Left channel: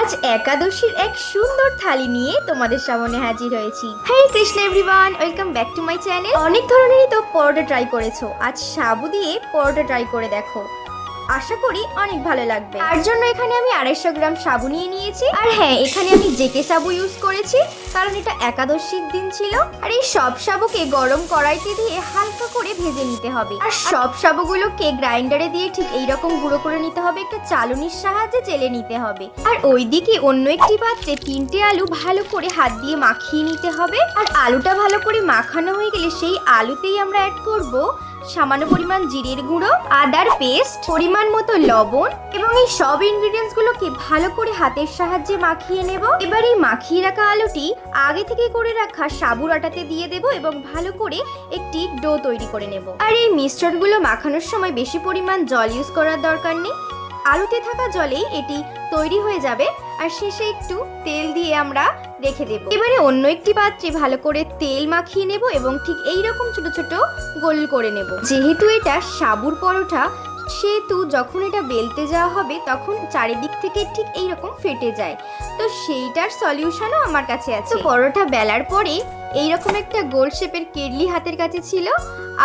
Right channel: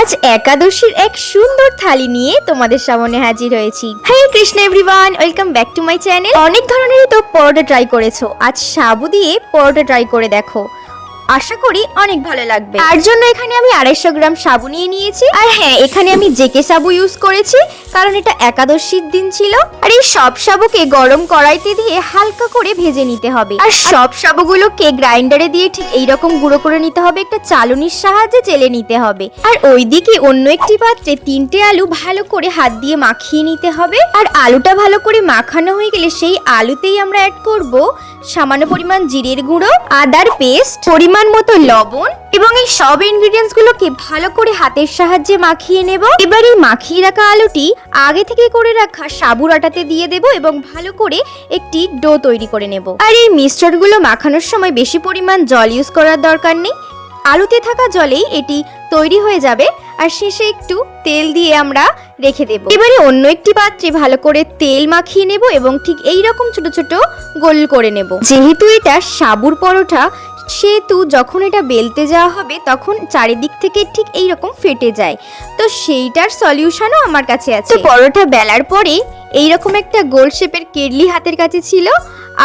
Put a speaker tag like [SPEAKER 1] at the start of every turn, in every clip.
[SPEAKER 1] আজ একাদশীর এক সুন্দর থালি নিয়ে তোমাদের সামনে হাজির হয়েছি। Hi Krishna everyone welcome back to my channel অনেক ধরনের তো পরোটা ট্রাই করেছ। আজ সাবু দিয়ে পরোটা ট্রাই করে দেখো। আশা করি অনেক ভালো লাগবে। তার জন্য এখানে আমি আড়াইশো গ্রাম সাবু নিয়ে নিয়েছি। আর হ্যাঁ এখানে আমি জেকে সাবু ইউজ করেছি, কারণ এটা একাদশীর দিন ছিল। আর এই সব সাবুকে গরম কড়াইতে দিয়ে হালকা করে ভেজে নিতে হবে। আর সব সাবুগুলোকে গ্রাইন্ডারে দিয়ে ঠিক এই রকম গুঁড়ো করে নিতে হবে, একটা চালনির সাহায্যে চেলে নিতে হবে। আর ওইদিকে অন্য একটি পাত্রে তিনটে আলু ভালো করে হাত দিয়ে মাখিয়ে নিতে হবে। আর আলুটা ভালো করে মাখানো হয়ে গেলে সেই আলুতেই আমরা অ্যাড করব সামান্য পরিমাণ জিরের গুঁড়ো, আদার পেস্ট, পরিমাণ মতো লবণ এবং এই সব ইনগ্রিডিয়েন্টস গুলোকে ভালো করে হাতের সাহায্যে মাখিয়ে নেব। এবার এই মাখিয়ে রাখা আলুটি আগে থেকে করে রাখা সাবুর আটাতে দিয়ে দেব এবং ভালো করে একটি ডো তৈরি করে নেব। আর এই মিশ্রণগুলো মাখানোর সময় বেশি পরিমাণ জল ইউজ করার দরকার নেই। আলুতে থাকা জলেই এটি তৈরি হয়ে যাবে। আর শেষে একটু তেল দিয়ে আমরা রেখে দেব। এবারে অন্য একটি পাত্রে ভালো করে তেল মাখিয়ে নেব এবং ঠিক এই রকম ছোট ছোট গোল করে নেব। যেহেতু এটা সাবুর পরোটা, সেহেতু যখন এটা বেলতে যাওয়া হবে তখন চারিদিক থেকে ঠিক এই রকম ফেটে যায়। তো সেইটার সলিউশনও আমার কাছে আছে। পরোটা বেলার পরে এইরকম একটা গোল শেপের কেডলি হাতের কাছে ছিল,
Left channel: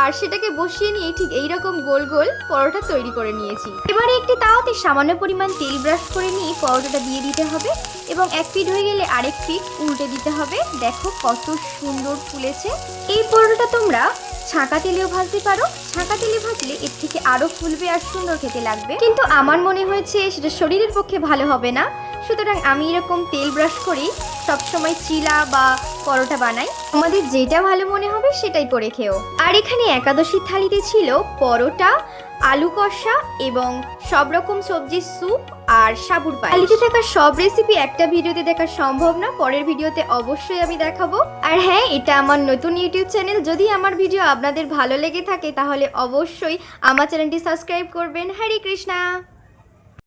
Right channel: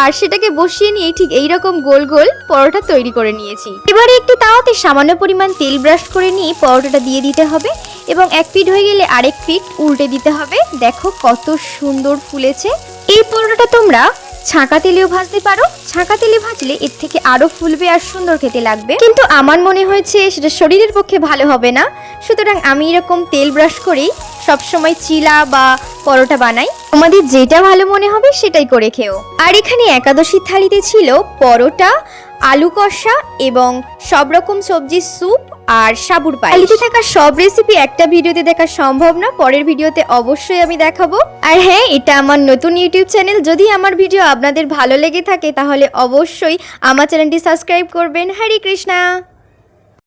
[SPEAKER 1] আর সেটাকে বসিয়ে নিয়ে ঠিক এই রকম গোল গোল পরোটা তৈরি করে নিয়েছি। এবারে একটু তাওয়াতে সামান্য পরিমাণ তেল ব্রাশ করে নিয়ে পরোটাটা দিয়ে দিতে হবে এবং এক ফিট হয়ে গেলে আরেক ফিট উল্টে দিতে হবে। দেখো কত সুন্দর ফুলেছে। এই পরোটাটা তোমরা ছাঁকা তেলেও ভাজতে পারো। ছাঁকা তেলে ভাজলে এর থেকে আরও ফুলবে আর সুন্দর খেতে লাগবে। কিন্তু আমার মনে হয়েছে সেটা শরীরের পক্ষে ভালো হবে না। সুতরাং আমি এরকম তেল ব্রাশ করেই সবসময় চিলা বা পরোটা বানাই। আমাদের যেটা ভালো মনে হবে সেটাই করে খেও। আর এখানে একাদশী থালিতে ছিল পরোটা, আলু কষা এবং সব রকম সবজির স্যুপ আর সাবুর পায়েস। থালিতে থাকা সব রেসিপি একটা ভিডিওতে দেখা সম্ভব না, পরের ভিডিওতে অবশ্যই আমি দেখাবো। আর হ্যাঁ এটা আমার নতুন ইউটিউব চ্যানেল। যদি আমার ভিডিও আপনাদের ভালো লেগে থাকে, তাহলে অবশ্যই আমার চ্যানেলটি সাবস্ক্রাইব করবেন। হরে কৃষ্ণা!